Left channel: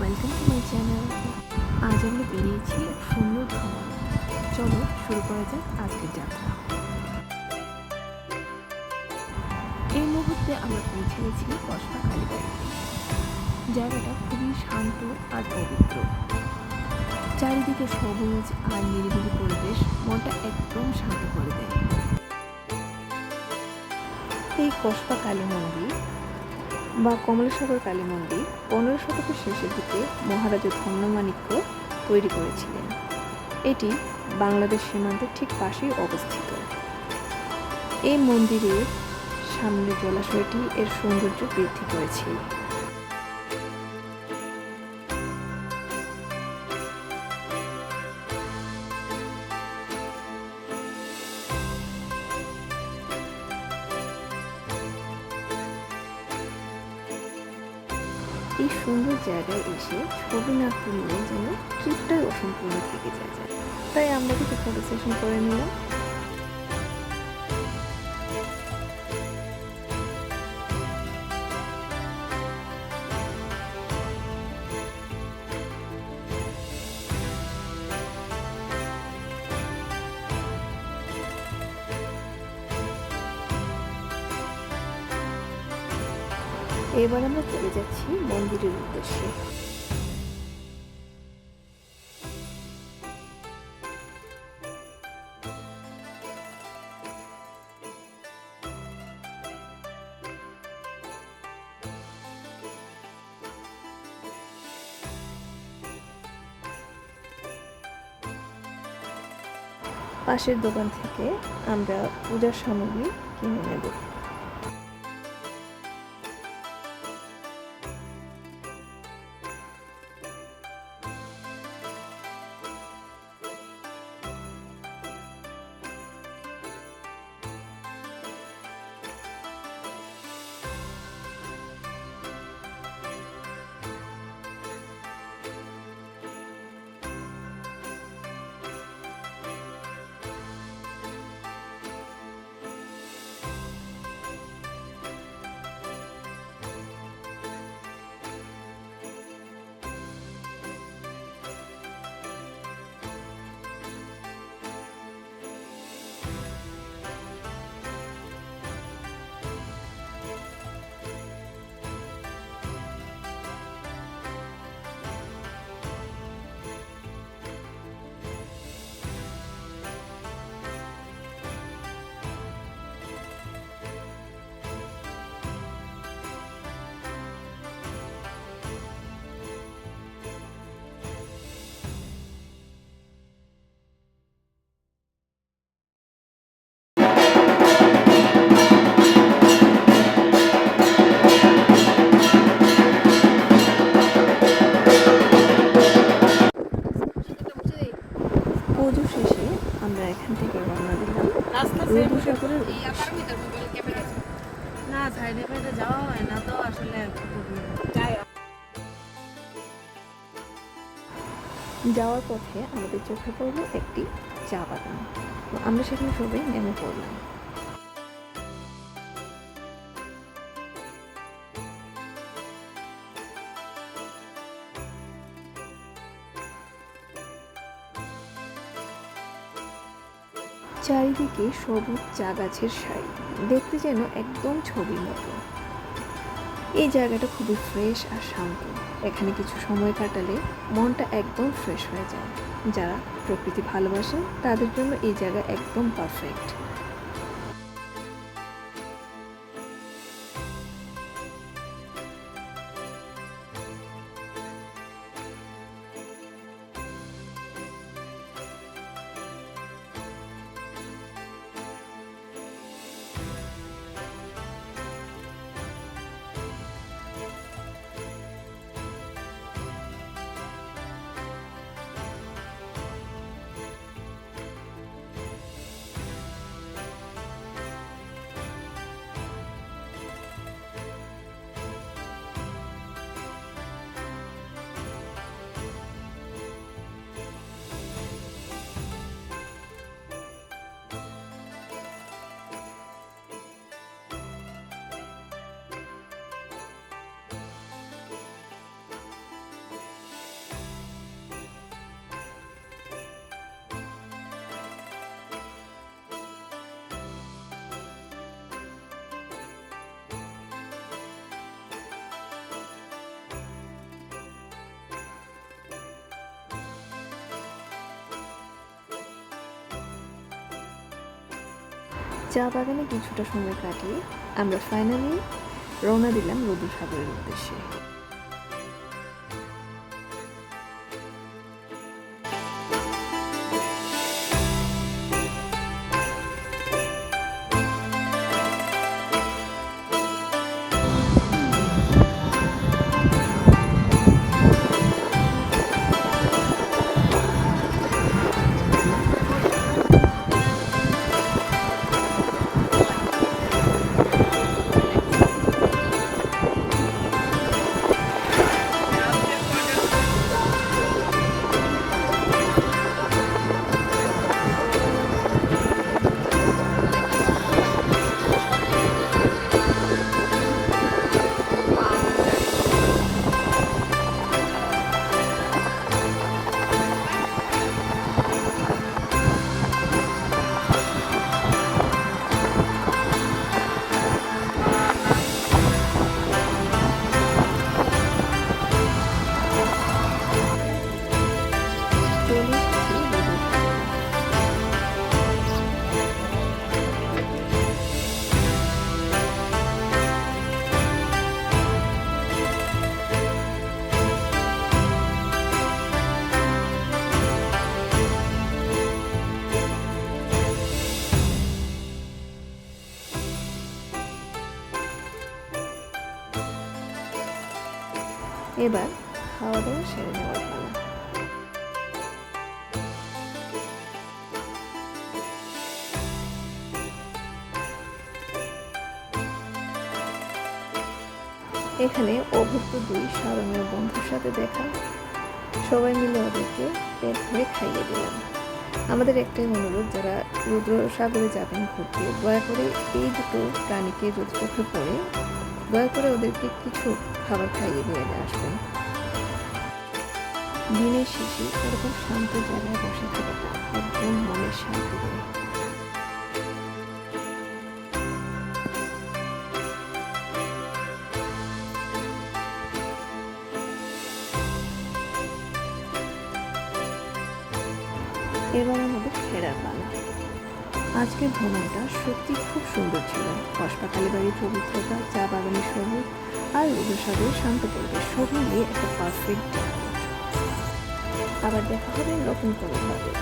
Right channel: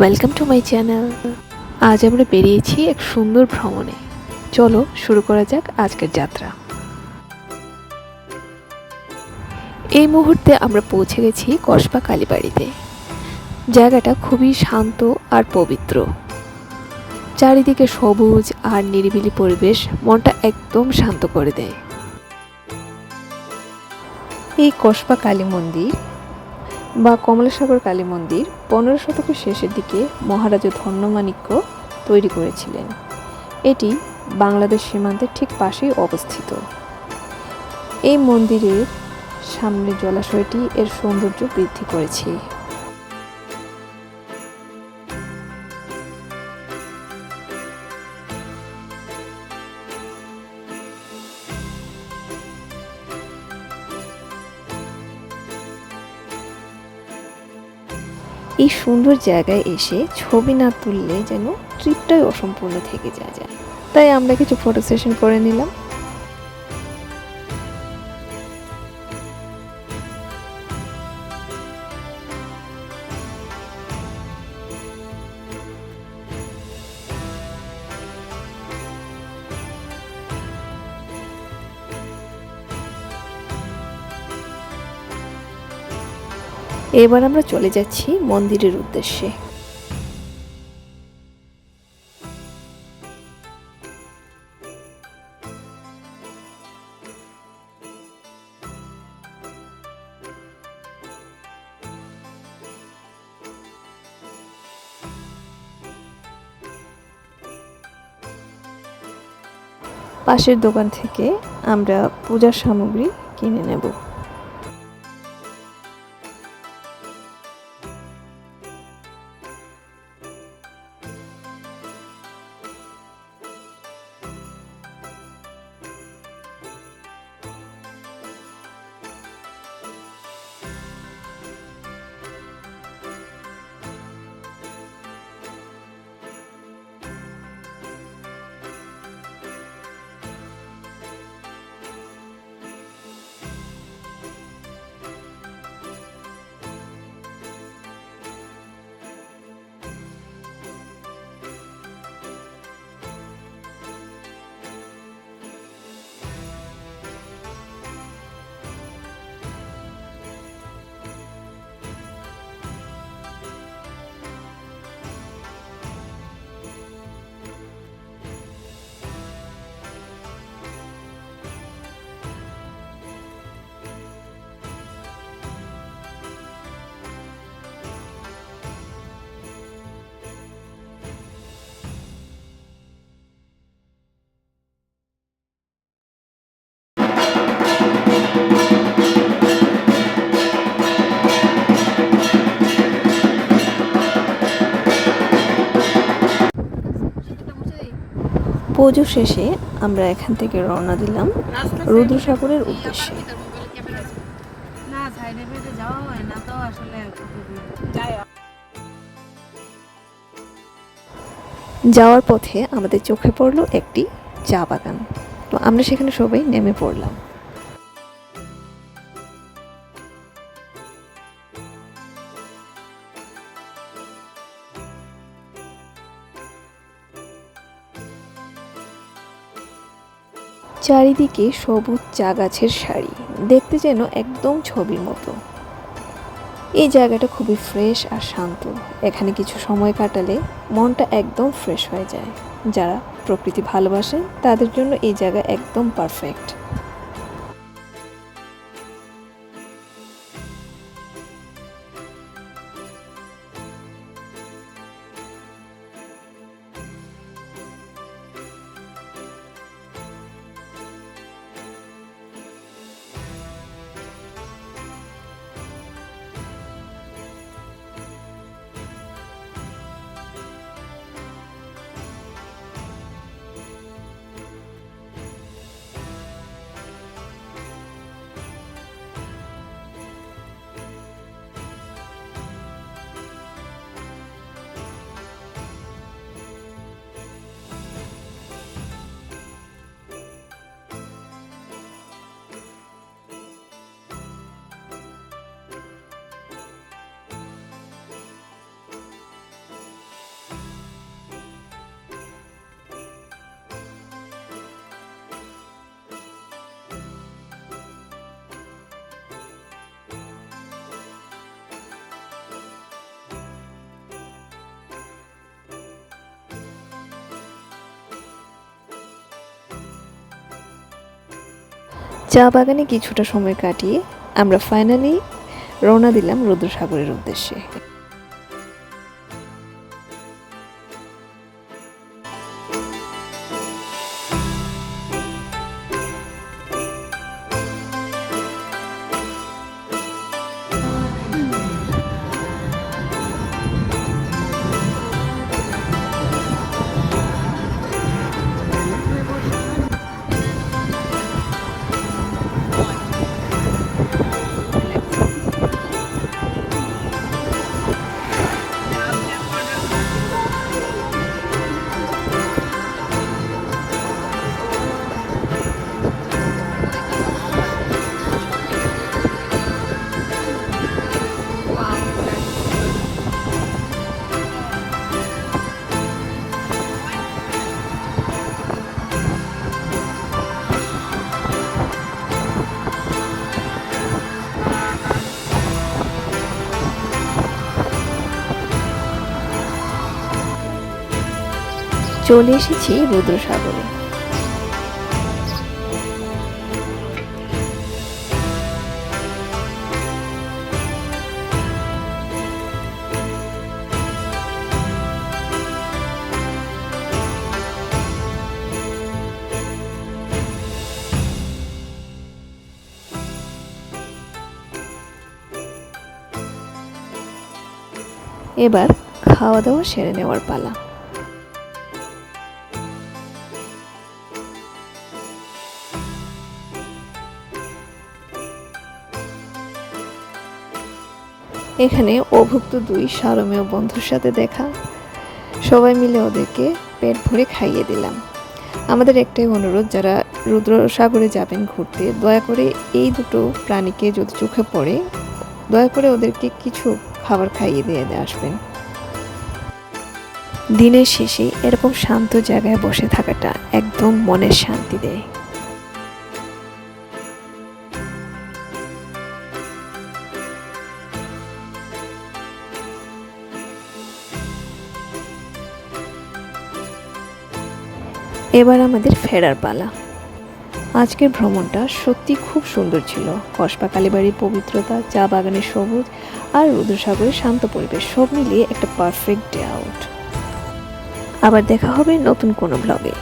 Welcome to my channel. আজ আমরা বেরিয়েছি এক সুন্দর ভ্রমণে। চলো শুরু করা যাক আজকের যাত্রা। এই মুহূর্তে আমরা পৌঁছে গেছি কসবা কালীবাড়িতে। জায়গাটা খুবই শান্ত আর পবিত্র। চারিদিকে সবুজ আর নিরিবিলি পরিবেশ মনটা একদম শান্ত করে দেয়। এই কসবা কালী মন্দির বা কমলাসাগর কালী মন্দির 15 শতকের শেষের দিকে মহারাজা ধন্যমাণিক্য তৈরি করেছিলেন। এটি বাংলাদেশ সীমান্তের ঠিক পাশেই অবস্থিত। এই মন্দিরের সামনে জলাশয়টি এর সৌন্দর্য বৃদ্ধি করেছে। এই সুন্দর জায়গায় এসে ছবি না তুললে যেন ট্রিপটাই অসম্পূর্ণ থেকে যায়। তাই আমরা কিছু ফটো সেশন করে নিলাম। এবার আমরা চলে যাচ্ছি মন্দিরের উদ্দেশ্যে। পাশের দোকান থেকে আমরা পূজার সামগ্রী কিনে নেব। পুজো শেষে আমরা এখান থেকে রওনা দিলাম রুদ্রসাগরের উদ্দেশ্যে। যাওয়ার পথে আমাদের চোখে পড়লো একটি চা বাগান। তো আমরা সেখানে সবাই নেমে পড়লাম। চারিদিকে সবুজ চা গাছের সারি, দেখতে যেন একদম ছবির মতো। এই জায়গাটা খুবই ফ্রেশ আর শান্ত। এখানে কিছু সময় কাটালে মনটা একদম ফ্রেশ হয়ে যায়। যারা প্রকৃতি ভালোবাসে তাদের জন্য এই জায়গা একদম পারফেক্ট। চা বাগানে কিছুটা সময় কাটিয়ে আমরা ফাইনালি রওনা দিলাম রুদ্রসাগরের উদ্দেশ্যে। চলে এসেছি রুদ্রসাগরে। এবার খাওয়া দাওয়া সেরে নেওয়ার পালা। এখানে অভুক্ত দুই সারমেয় বন্ধুর সাথে দেখা, সবাই মিলে ওদেরকে পেট ভরে খাইয়ে দিলাম। আমাদের একটাই অনুরোধ, যারা রুদ্রসাগরে যাবেন ঘুরতে, দয়া করে এই দুটো প্রাণীকে যদি চোখে পড়ে দয়া করে ওদেরকে কিছু খাবার খাইয়ে দিয়ে আসবেন। দিনের শেষে এরকম শান্ত জায়গায় বসে থাকাটা একদম মনের শান্তি দেয়। এবার আমাদের ফেরার পালা। আজকের ভ্রমণটা সত্যি খুব সুন্দর ছিল। কসবা কালীবাড়ির পবিত্রতা, চা বাগানের সবুজ আর রুদ্রসাগরের শান্ত পরিবেশ সব মিলিয়ে একটা পারফেক্ট ডে আউট। আবার দেখা হবে নতুন কোনো ব্লগে।